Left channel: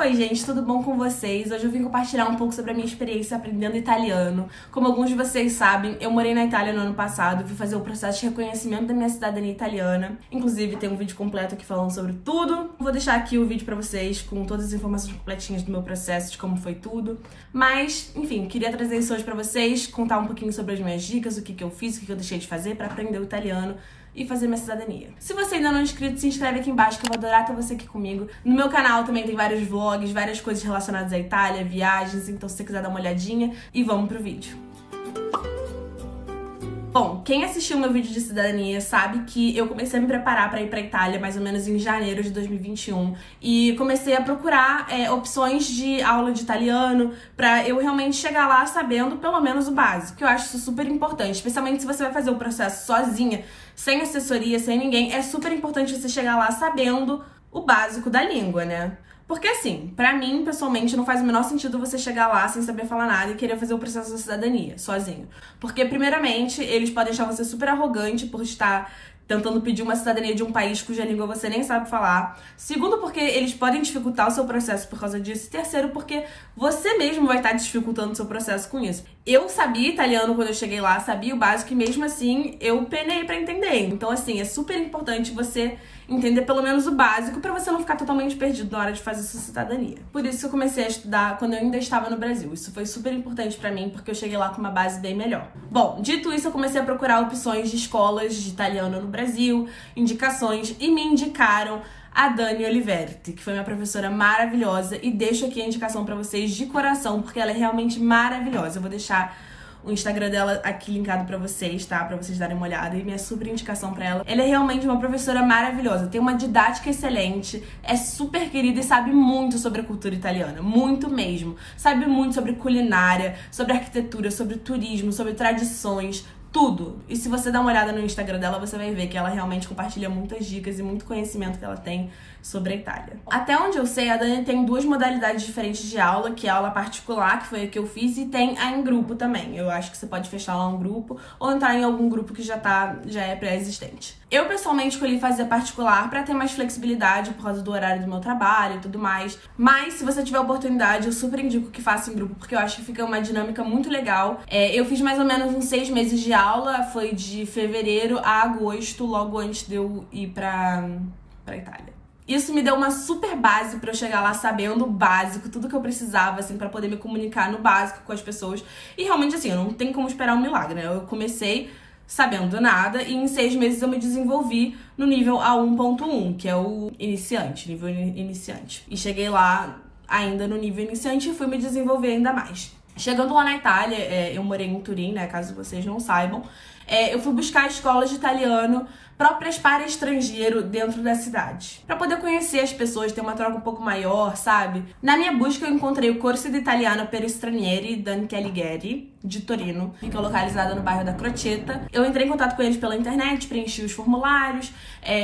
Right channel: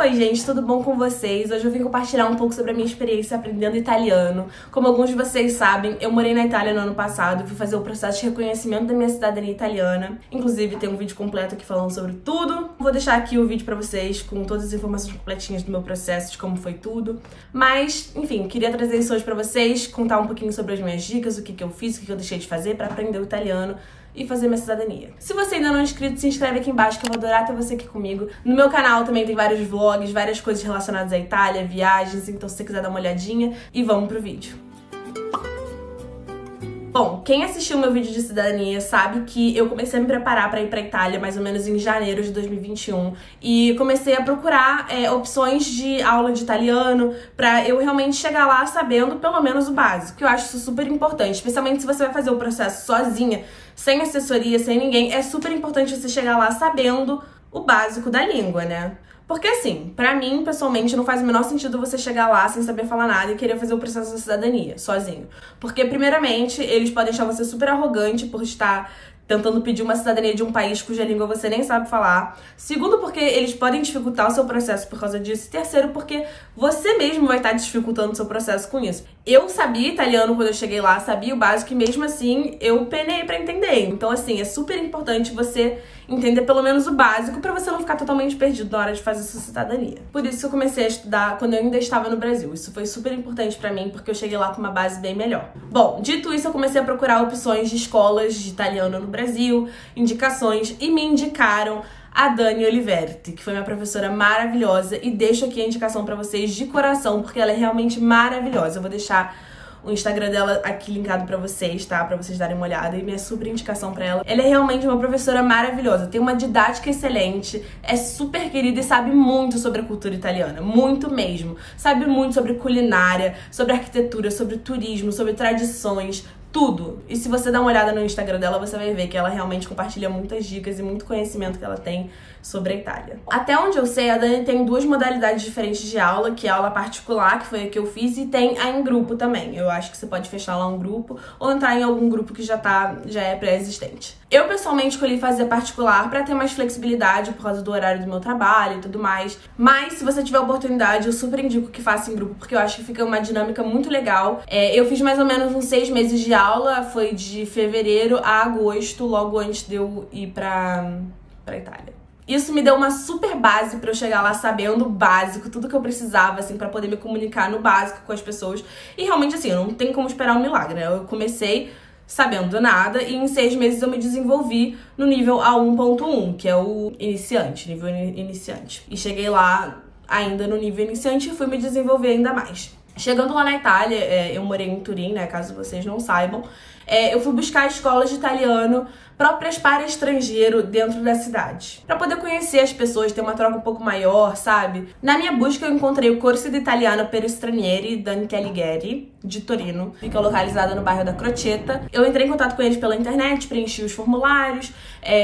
Oi gente, tudo bom com vocês? Hoje eu vim compartilhar um pouco sobre a minha experiência aprendendo italiano. Como alguns de vocês sabem, eu morei na Itália no ano passado, fui fazer o processo de reconhecimento da minha cidadania italiana. Inclusive tem um vídeo completo aqui falando sobre tudo. Vou deixar aqui o vídeo pra vocês com todas as informações completinhas do meu processo, de como foi tudo. Mas, enfim, queria trazer isso hoje pra vocês, contar um pouquinho sobre as minhas dicas, o que eu fiz, o que eu deixei de fazer pra aprender o italiano e fazer minha cidadania. Se você ainda não é inscrito, se inscreve aqui embaixo que eu vou adorar ter você aqui comigo. No meu canal também tem vários vlogs, várias coisas relacionadas à Itália, viagens, então se você quiser dar uma olhadinha, e vamos pro vídeo. Bom, quem assistiu meu vídeo de cidadania sabe que eu comecei a me preparar para ir para Itália mais ou menos em janeiro de 2021 e comecei a procurar opções de aula de italiano para eu realmente chegar lá sabendo pelo menos o básico, que eu acho isso super importante, especialmente se você vai fazer o processo sozinha, sem assessoria, sem ninguém, é super importante você chegar lá sabendo o básico da língua, né? Porque assim, pra mim, pessoalmente, não faz o menor sentido você chegar lá sem saber falar nada e querer fazer o processo da cidadania, sozinho. Porque, primeiramente, eles podem achar você super arrogante por estar tentando pedir uma cidadania de um país cuja língua você nem sabe falar. Segundo, porque eles podem dificultar o seu processo por causa disso. E terceiro, porque você mesmo vai estar dificultando o seu processo com isso. Eu sabia italiano quando eu cheguei lá, sabia o básico e mesmo assim eu penei pra entender. Então, assim, é super importante você entender pelo menos o básico pra você não ficar totalmente perdido na hora de fazer sua cidadania. Por isso que eu comecei a estudar quando eu ainda estava no Brasil. Isso foi super importante pra mim, porque eu cheguei lá com uma base bem melhor. Bom, dito isso, eu comecei a procurar opções de escolas de italiano no Brasil, indicações, e me indicaram a Dani Oliverti, que foi minha professora maravilhosa, e deixo aqui a indicação pra vocês de coração, porque ela é realmente maravilhosa. Eu vou deixar o Instagram dela aqui linkado pra vocês, tá? Pra vocês darem uma olhada, e minha super indicação pra ela. Ela é realmente uma professora maravilhosa, tem uma didática excelente, é super querida e sabe muito sobre a cultura italiana, muito mesmo. Sabe muito sobre culinária, sobre arquitetura, sobre turismo, sobre tradições, tudo. E se você dar uma olhada no Instagram dela, você vai ver que ela realmente compartilha muitas dicas e muito conhecimento que ela tem sobre a Itália. Até onde eu sei, a Dani tem duas modalidades diferentes de aula, que é a aula particular, que foi a que eu fiz, e tem a em grupo também. Eu acho que você pode fechar lá um grupo ou entrar em algum grupo que já é pré-existente. Eu, pessoalmente, escolhi fazer particular pra ter mais flexibilidade por causa do horário do meu trabalho e tudo mais. Mas, se você tiver oportunidade, eu super indico que faça em grupo, porque eu acho que fica uma dinâmica muito legal. Eu fiz mais ou menos uns 6 meses de aula, foi de fevereiro a agosto, logo antes de eu ir pra Itália. Isso me deu uma super base pra eu chegar lá sabendo o básico, tudo que eu precisava, assim, pra poder me comunicar no básico com as pessoas. E realmente, assim, não tem como esperar um milagre, né? Eu comecei sabendo nada e em 6 meses eu me desenvolvi no nível A1.1, que é o iniciante, nível iniciante. E cheguei lá ainda no nível iniciante e fui me desenvolver ainda mais. Chegando lá na Itália, eu morei em Turim, né, caso vocês não saibam, eu fui buscar escolas de italiano próprias para estrangeiro dentro da cidade, para poder conhecer as pessoas, ter uma troca um pouco maior, sabe? Na minha busca eu encontrei o Corso di Italiano per Stranieri da Anche Alighieri, de Torino, fica localizada no bairro da Crocetta. Eu entrei em contato com eles pela internet, preenchi os formulários,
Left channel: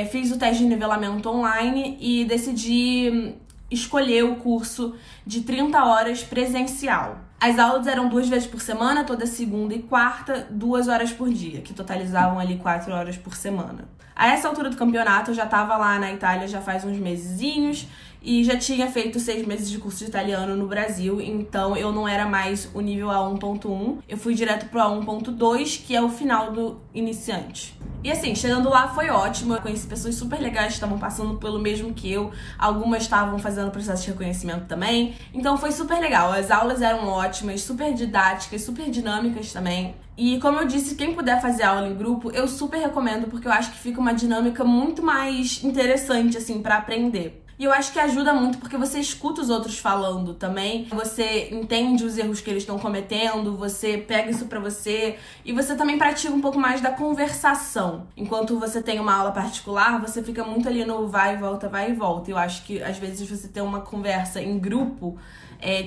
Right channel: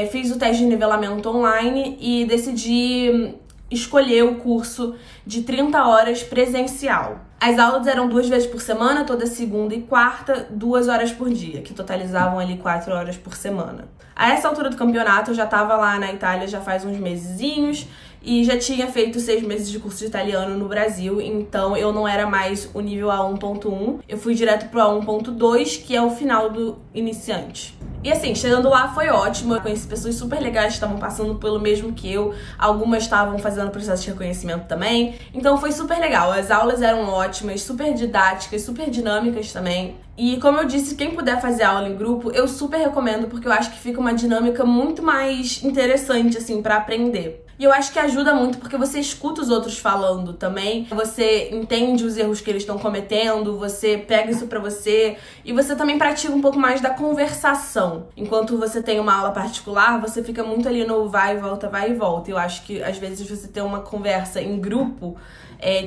fiz o teste de nivelamento online e decidi escolher o curso de 30 horas presencial. As aulas eram 2 vezes por semana, toda segunda e quarta, 2 horas por dia, que totalizavam ali 4 horas por semana. A essa altura do campeonato, eu já tava lá na Itália já faz uns mesezinhos e já tinha feito 6 meses de curso de italiano no Brasil, então eu não era mais o nível A1.1, eu fui direto pro A1.2, que é o final do iniciante. E assim, chegando lá foi ótimo, eu conheci pessoas super legais que estavam passando pelo mesmo que eu, algumas estavam fazendo processo de reconhecimento também, então foi super legal, as aulas eram ótimas, super didáticas, super dinâmicas também. E como eu disse, quem puder fazer aula em grupo, eu super recomendo, porque eu acho que fica uma dinâmica muito mais interessante, assim, pra aprender. E eu acho que ajuda muito porque você escuta os outros falando também, você entende os erros que eles estão cometendo, você pega isso pra você e você também pratica um pouco mais da conversação. Enquanto você tem uma aula particular, você fica muito ali no vai e volta, vai e volta. Eu acho que às vezes você ter uma conversa em grupo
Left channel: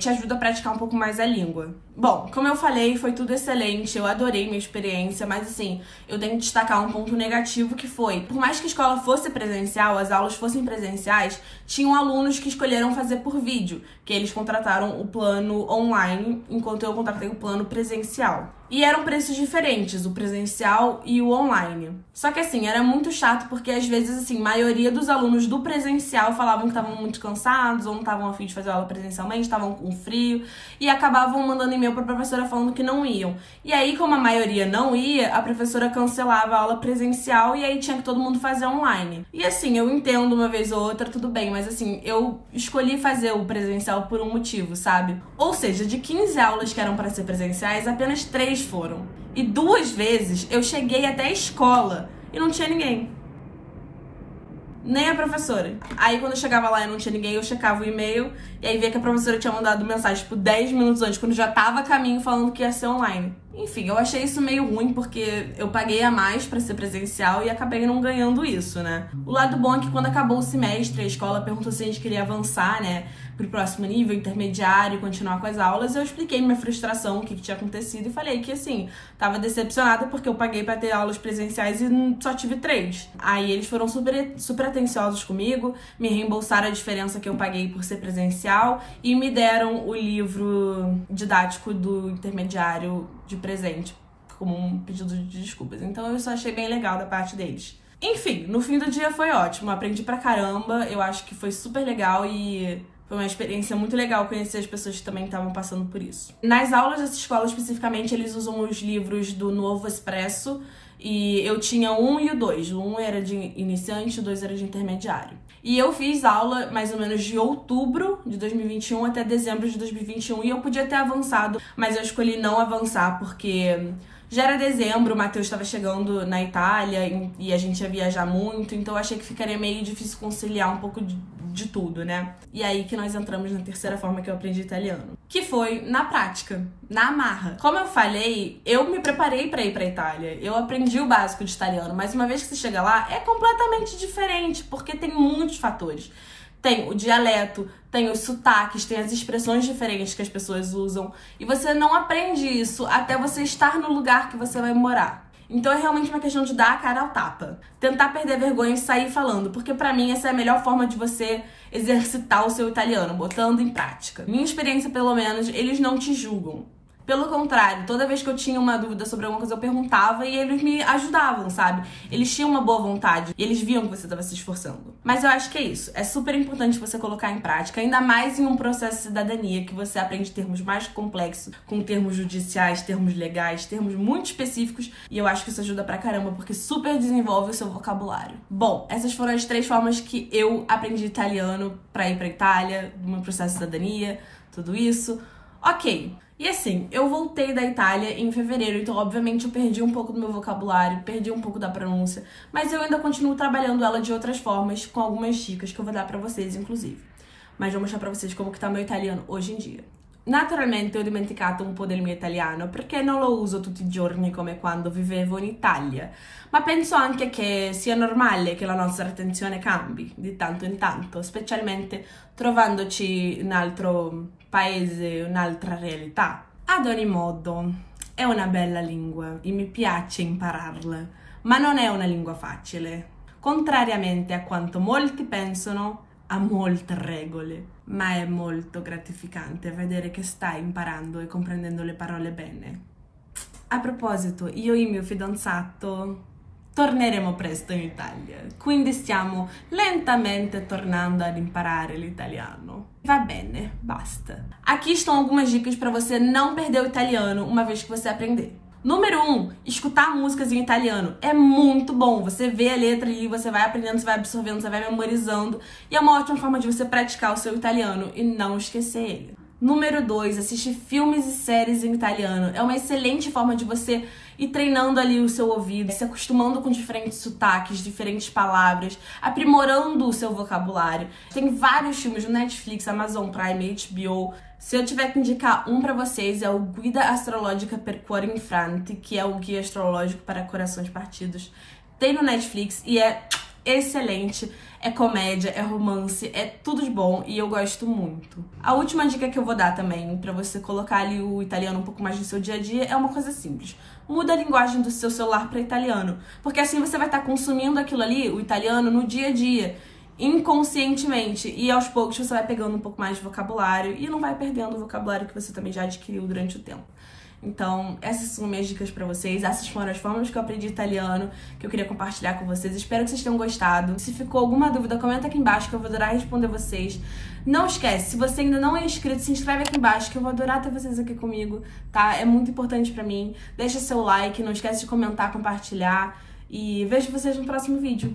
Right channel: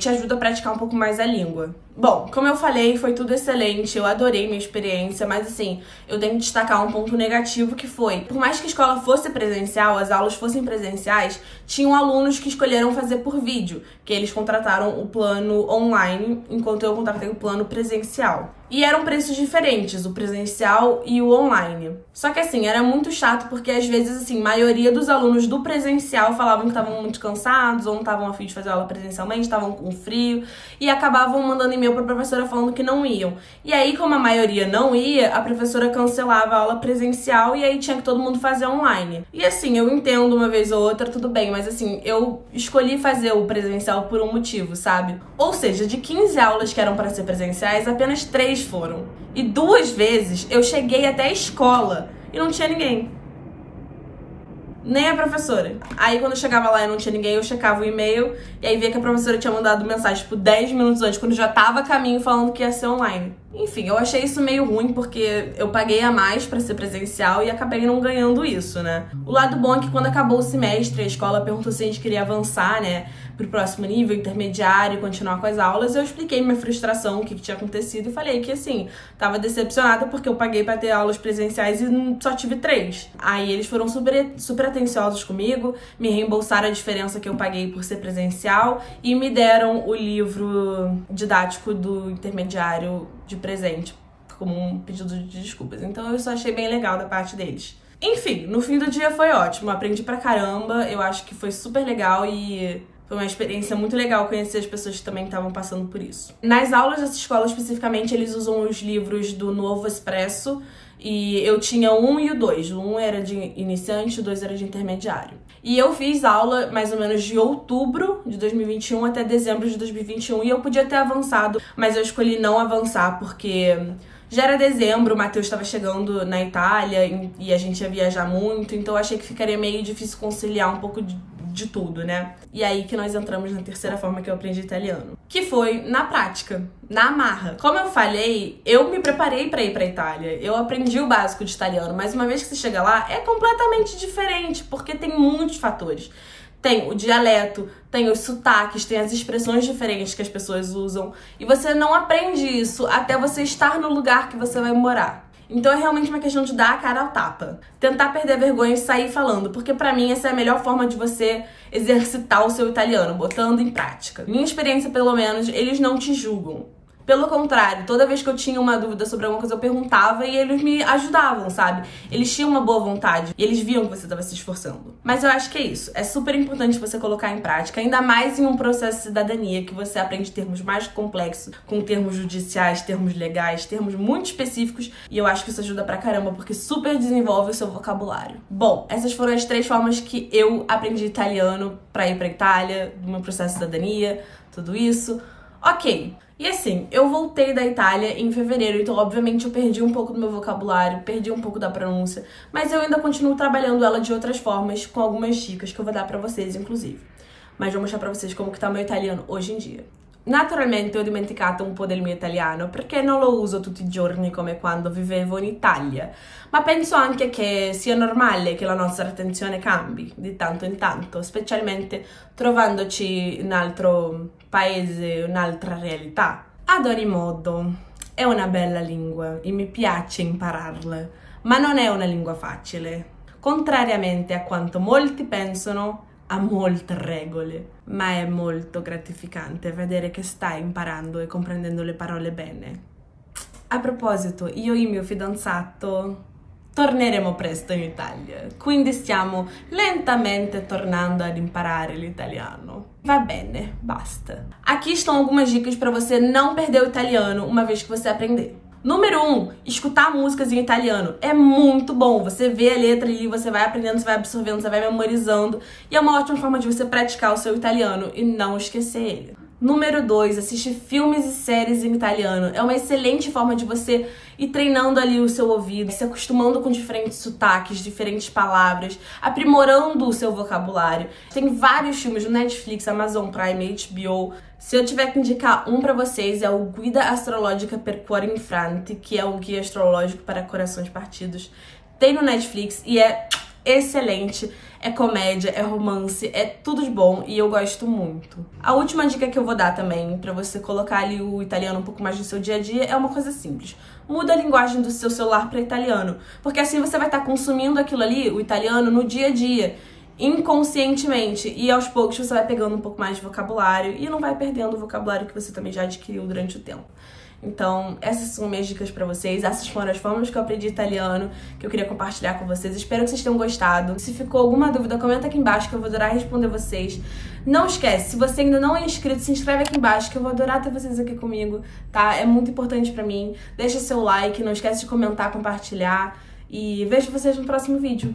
te ajuda a praticar um pouco mais a língua. Bom, como eu falei, foi tudo excelente, eu adorei minha experiência, mas assim, eu tenho que destacar um ponto negativo que foi, por mais que a escola fosse presencial, as aulas fossem presenciais, tinham alunos que escolheram fazer por vídeo, que eles contrataram o plano online, enquanto eu contratei o plano presencial. E eram preços diferentes, o presencial e o online. Só que assim, era muito chato porque às vezes, assim, a maioria dos alunos do presencial falavam que estavam muito cansados ou não estavam a fim de fazer aula presencialmente, estavam com frio e acabavam mandando e-mail pra professora falando que não iam. E aí, como a maioria não ia, a professora cancelava a aula presencial e aí tinha que todo mundo fazer online. E assim, eu entendo uma vez ou outra, tudo bem, mas assim, eu escolhi fazer o presencial por um motivo, sabe? Ou seja, de 15 aulas que eram pra ser presenciais, apenas 3 foram. E 2 vezes eu cheguei até a escola e não tinha ninguém. Nem a professora. Aí quando eu chegava lá e não tinha ninguém, eu checava o e-mail e aí via que a professora tinha mandado mensagem tipo 10 minutos antes, quando já tava a caminho falando que ia ser online. Enfim, eu achei isso meio ruim porque eu paguei a mais pra ser presencial e acabei não ganhando isso, né? O lado bom é que quando acabou o semestre, a escola perguntou se a gente queria avançar, né, pro próximo nível, intermediário, continuar com as aulas. Eu expliquei minha frustração, o que tinha acontecido e falei que, assim, tava decepcionada porque eu paguei pra ter aulas presenciais e só tive 3. Aí eles foram super atenciosos comigo, me reembolsaram a diferença que eu paguei por ser presencial e me deram o livro didático do intermediário de presente, como um pedido de desculpas. Então eu só achei bem legal da parte deles. Enfim, no fim do dia foi ótimo, aprendi pra caramba, eu acho que foi super legal e foi uma experiência muito legal conhecer as pessoas que também estavam passando por isso. Nas aulas dessa escola, especificamente, eles usam os livros do Novo Expresso e eu tinha o 1 e o 2. O 1 era de iniciante, o 2 era de intermediário. E eu fiz aula mais ou menos de outubro de 2021 até dezembro de 2021 e eu podia ter avançado, mas eu escolhi não avançar porque já era dezembro, o Matheus estava chegando na Itália e a gente ia viajar muito, então eu achei que ficaria meio difícil conciliar um pouco de tudo, né? E aí que nós entramos na terceira forma que eu aprendi italiano, que foi na prática, na marra. Como eu falei, eu me preparei pra ir pra Itália, eu aprendi o básico de italiano, mas uma vez que você chega lá, é completamente diferente, porque tem muitos fatores. Tem o dialeto, tem os sotaques, tem as expressões diferentes que as pessoas usam, e você não aprende isso até você estar no lugar que você vai morar. Então é realmente uma questão de dar a cara ao tapa. Tentar perder a vergonha e sair falando, porque pra mim essa é a melhor forma de você exercitar o seu italiano, botando em prática. Minha experiência, pelo menos, eles não te julgam. Pelo contrário, toda vez que eu tinha uma dúvida sobre alguma coisa, eu perguntava e eles me ajudavam, sabe? Eles tinham uma boa vontade e eles viam que você estava se esforçando. Mas eu acho que é isso. É super importante você colocar em prática, ainda mais em um processo de cidadania, que você aprende termos mais complexos, com termos judiciais, termos legais, termos muito específicos. E eu acho que isso ajuda pra caramba, porque super desenvolve o seu vocabulário. Bom, essas foram as 3 formas que eu aprendi italiano pra ir pra Itália, do meu processo de cidadania, tudo isso. Ok. E assim, eu voltei da Itália em fevereiro, então obviamente eu perdi um pouco do meu vocabulário, perdi um pouco da pronúncia, mas eu ainda continuo trabalhando ela de outras formas, com algumas dicas que eu vou dar pra vocês, inclusive. Mas vou mostrar pra vocês como que tá meu italiano hoje em dia. Naturalmente ho dimenticato un po' del mio italiano perché non lo uso tutti i giorni come quando vivevo in Italia, ma penso anche che sia normale che la nostra attenzione cambi di tanto in tanto, specialmente trovandoci in un altro paese, un'altra realtà. Ad ogni modo, è una bella lingua e mi piace impararla, ma non è una lingua facile. Contrariamente a quanto molti pensano, ha molte regole, ma è molto gratificante vedere che stai imparando e comprendendo le parole bene. A proposito, io e il mio fidanzato torneremo presto in Italia, quindi stiamo lentamente tornando ad imparare l'italiano. Va bene, basta. Aqui estão algumas dicas para você não perder o italiano uma vez que você aprender. Número 1, escutar músicas em italiano. É muito bom. Você vê a letra ali, você vai aprendendo, você vai absorvendo, você vai memorizando. E é uma ótima forma de você praticar o seu italiano e não esquecer ele. Número 2, assistir filmes e séries em italiano. É uma excelente forma de você ir treinando ali o seu ouvido, se acostumando com diferentes sotaques, diferentes palavras, aprimorando o seu vocabulário. Tem vários filmes no Netflix, Amazon Prime, HBO. Se eu tiver que indicar um pra vocês, é o Guida Astrologica per Cuori Infranti, que é o guia astrológico para corações partidos. Tem no Netflix e é excelente. É comédia, é romance, é tudo de bom e eu gosto muito. A última dica que eu vou dar também, pra você colocar ali o italiano um pouco mais no seu dia a dia, é uma coisa simples. Muda a linguagem do seu celular para italiano, porque assim você vai estar consumindo aquilo ali, o italiano, no dia a dia, inconscientemente, e aos poucos você vai pegando um pouco mais de vocabulário e não vai perdendo o vocabulário que você também já adquiriu durante o tempo. Então, essas são minhas dicas pra vocês. Essas foram as formas que eu aprendi italiano, que eu queria compartilhar com vocês. Espero que vocês tenham gostado. Se ficou alguma dúvida, comenta aqui embaixo que eu vou adorar responder vocês. Não esquece, se você ainda não é inscrito, se inscreve aqui embaixo que eu vou adorar ter vocês aqui comigo, tá? É muito importante pra mim. Deixa seu like, não esquece de comentar, compartilhar e vejo vocês no próximo vídeo.